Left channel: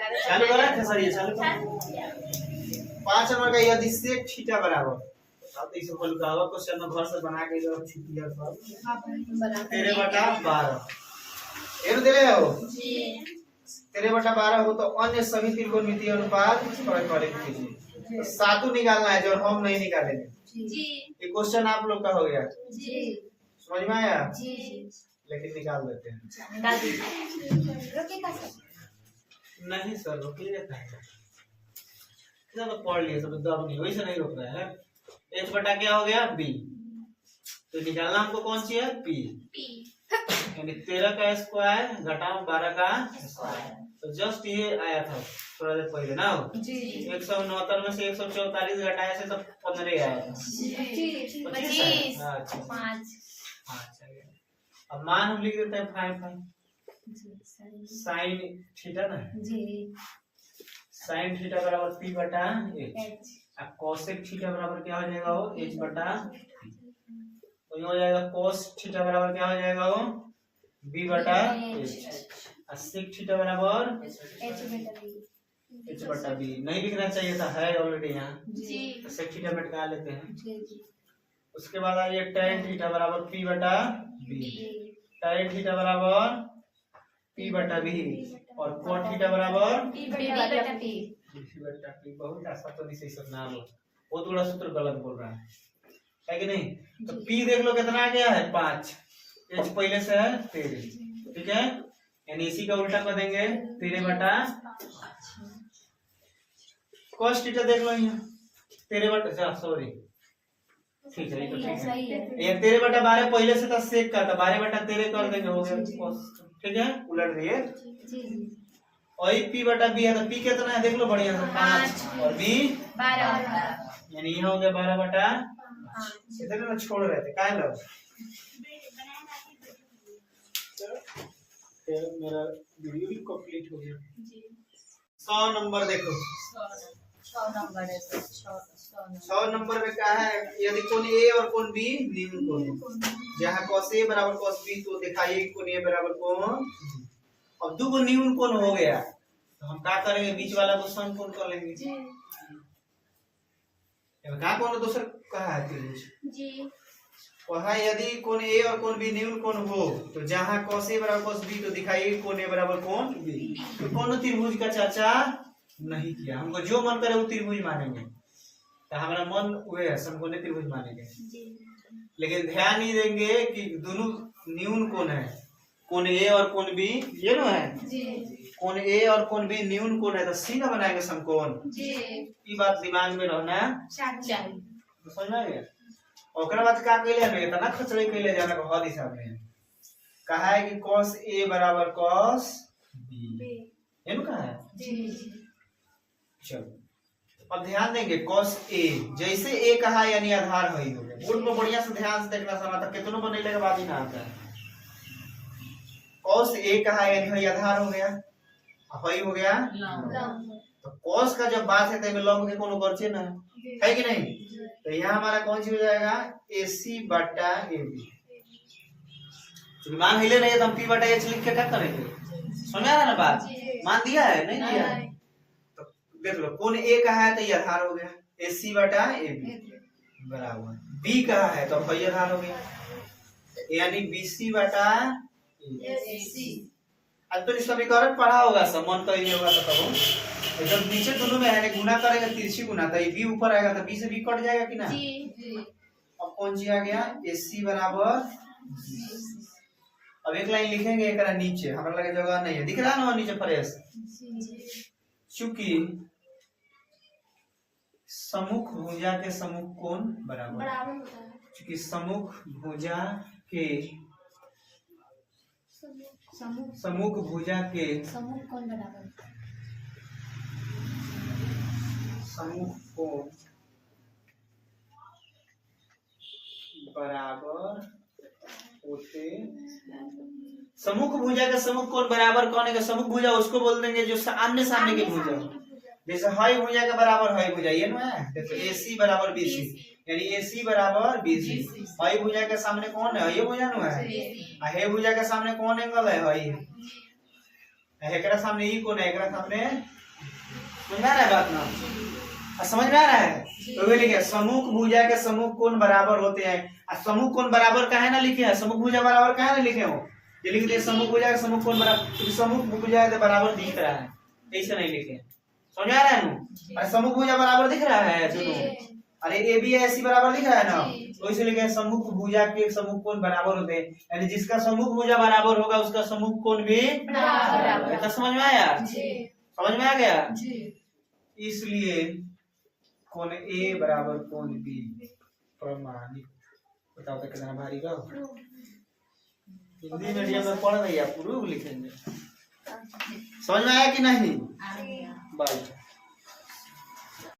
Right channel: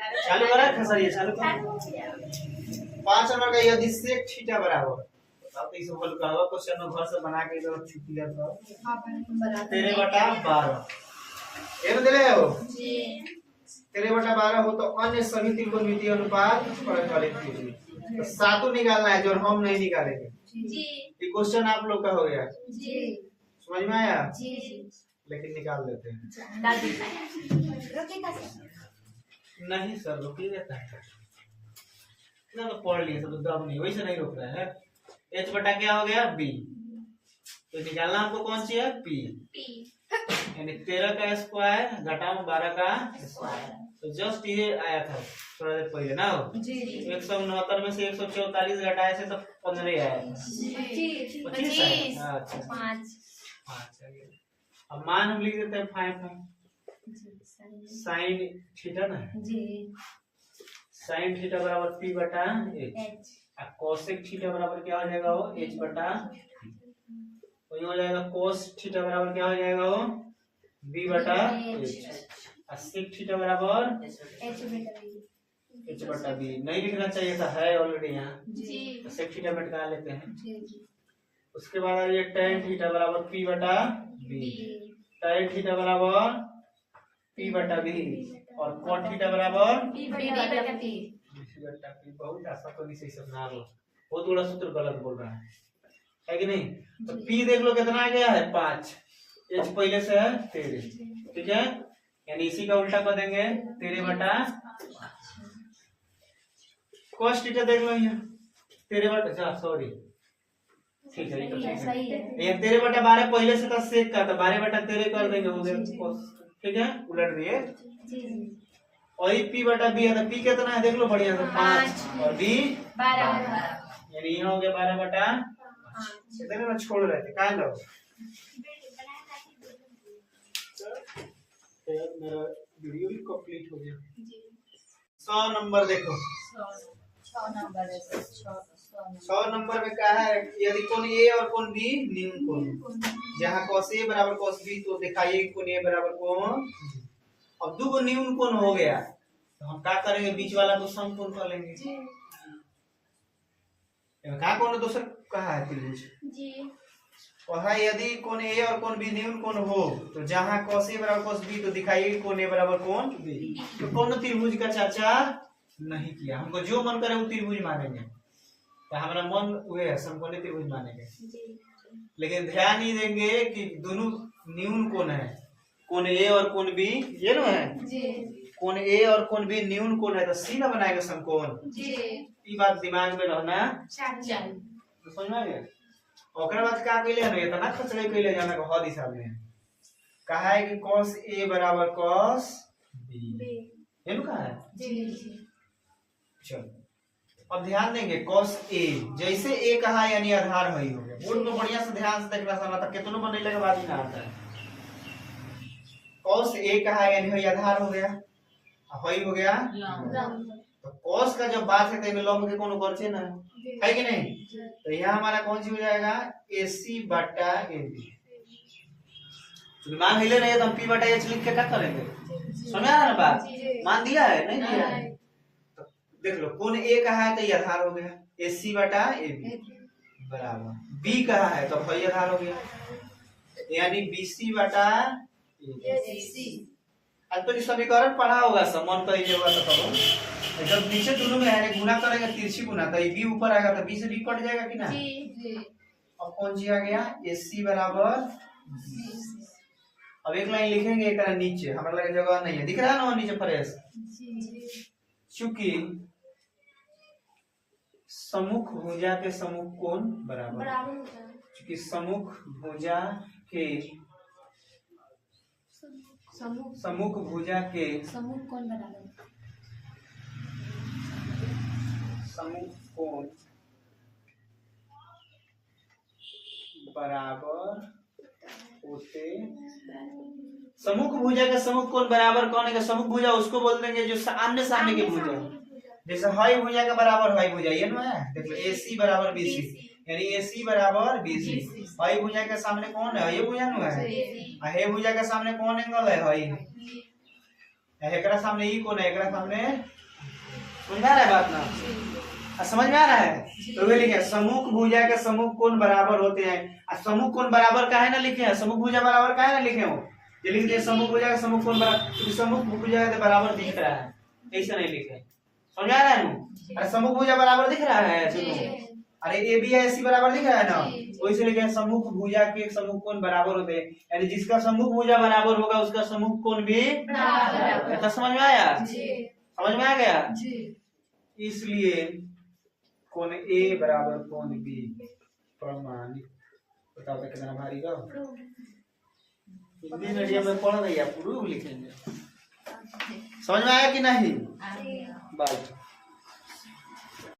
चालू करा खसरिए चालू कर 5 नंबर का यदि sec थीटा बराबर आप इस हल का होगा क्वेश्चन में घर से बना के जो छुट्टी कर सब 13/12 ये दे रहे हो जी 13/12 हो तो अन्य सभी त्रिकोणमितीय अनुपात परिकलित कीजिए तो सातों निकालना है जो हम नहीं निकालेंगे जी ये क्वेश्चन आप लोग का हो गया जी समझ में आया जी लेकिन निकाल देते हैं निकाल दीजिए रोकेगा सर नहीं सर रोक ही देता है इतना तो पढ़ लिए सब दब नहीं वैसे नहीं रोक रहा है h बटा क्या हो गया b तो निकालना हमको कौन सी है p यानी 13 का स्क्वायर घटाओ 12 का स्क्वायर तो जस्ट ये आया था थोड़ा देर पहले ना जी 169 में से 144 घटाए से तो 15 आया था 25 अच्छा 5 अब मान हम लिख देते हैं 5 साइन थीटा ना जी साइन थीटा बराबर p बटा h और कोसेक थीटा बराबर क्या हो जाएगा वो h बटा तो ये हो जाएगा cos थीटा बराबर क्या हो जाएगा वो b बटा h और sec थीटा बराबर h बटा b नहीं लिखना चाहिए था है ऑलरेडी यहाँ जी तो sec थीटा में निकाल लेते हैं जी उसके बाद ये tan थीटा बराबर p बटा b tan थीटा बराबर p बटा b और cot थीटा बराबर p बटा p बहुत आसान तो नहीं सही समझा लो बहुत बड़ा सूत्र गलत बोल रहा है कि नहीं तो p देख लो कितना आ गया है 5 h पहले से है 13 ठीक है यानी इसी का उल्टा कर देंगे 13/5 cos थीटा देख लो यहाँ 13/, सॉरी ठीक है ये तो ठीक है ये 13/12 पहले से था sec का तो 12/13 कर देंगे हो गया ठीक है उलट दिए जी और p बटा b है तो p कितना है देख लो बढ़िया से 5 और b 12 यानी यहाँ हो गया 12/5 इधर ना छोड़ रहे थे काहे लो मेरा वीडियो भी कंप्लीट हो गया जी 100 नंबर देखो 100 नंबर है 100 नंबर में क्या है यदि कोण a और कोण b न्यून कोण जहाँ cos a बराबर cos b तो दिखाइए कोण a बराबर कोण अब दो न्यून कोण हो गया तो हम क्या करेंगे बीच वाला को समकोण कर लेंगे जी क्या कोण दूसरा कहा है त्रिभुज जी वहाँ यदि कोण a और कोण b न्यून कोण हो तो जहाँ cos a बराबर cos b तो दिखाइए कोण a बराबर कोण b तो कौन त्रिभुज का चर्चा नहीं किया हमको जो मन करे वो त्रिभुज मानेंगे तो हमारा मन हुए है समकोणीय त्रिभुज मानेंगे लेकिन ध्यान नहीं देंगे कि दोनों न्यून कोण है कोण a और कोण b ये नो है जी कोण a और कोण b न्यून कोण है तो सीधा बनाएंगे समकोण जी ये बात दिमाग में रहना चाहिए तो समझ में आ गया ओकरा बाद का कइले है इतना खचड़े कइले जाना को हद हिसाब में कहा है कि cos a बराबर cos b ये नु कहा है जी चलो अब ध्यान देंगे cos a जैसे a कहा यानी आधार है ही हो गया बोर्ड में बढ़िया से ध्यान से देखना समझ तक कितनों बनने के बाद ही ना आता है cos a कहा यानी है आधार हो गया हई हो गया तो cos का जब बात है तो लंब के कोनो करछे ना है कि नहीं तो यहाँ हमारा कौन सी हो जाएगा AC बटा AB तो मान हिले नहीं तो हम P बटा H लिख के क्या करेंगे समझा ना बात मान दिया है नहीं दिया है तो देख लो कोण A कहा है तो ये आधार हो गया AC बटा AB बराबर B कहा है तो हई आधार हो गया यानी BC बटा AC आज तो समीकरण पढ़ा होगा सब मन कर ही होगा तो करो जब नीचे दोनों में है गुना करेगा तिरछी गुना तो ये b ऊपर आएगा तो b से b कट जाएगा कि ना जी अब कौन सी आ गया AC बराबर अब एक लाइन लिखेंगे एक नीचे हमारा लगे जगह नहीं है दिख रहा है ना नीचे फ्रेश चूंकि सम्मुख भुजा के सम्मुख कोण बराबर होता है चूंकि सम्मुख भुजा के सम्मुख भुजा के सम्मुख कोण बराबर सम्मुख कोण बराबर होते सम्मुख भुजा का सम्मुख कोण बराबर कौन है सम्मुख भुजा उसको बोल देंगे जो आमने सामने की भुजा जैसे हई भुजा के बराबर हई भुजा ये ना है देखो AC बराबर BC यानी AC बराबर BC हई भुजा के सामने कौन है ये भुजा नु है हे भुजा के सामने कौन एंगल है हई एकरा सामने ई कोण है, एकरा सामने समझ में आ रहा है बात ना? समझ में आ रहा है? तो वे लिखे सम्मुख भुजा के सम्मुख कोण बराबर होते हैं। सम्मुख कोण बराबर का है ना लिखे हैं, सम्मुख भुजा बराबर का है ना लिखे हो, ये लिख दिए सम्मुख भुजा के सम्मुख कोण बराबर, क्योंकि सम्मुख भुजा के बराबर दिख रहा है, ऐसे नहीं लिखे। समझ में आ रहा है ना? अरे सम्मुख भुजा बराबर दिख रहा है दोनों, अरे ए बी ऐसी बराबर दिख रहा है ना, तो इसलिए लिखे सम्मुख भुजा के सम्मुख कोण बराबर होते हैं, यानी जिसका सम्मुख भुजा बराबर होगा उसका सम्मुख कोण भी बराबर। तो समझ में आया? समझ में आ गया? इसलिए कोण ए बराबर कोण बी प्रमाणित। बताओ तो कितना भारी बा। हिंदी मीडियम में पढ़ रही है, आप प्रूफ लिखेंगे। समझ में आया कि नहीं? बात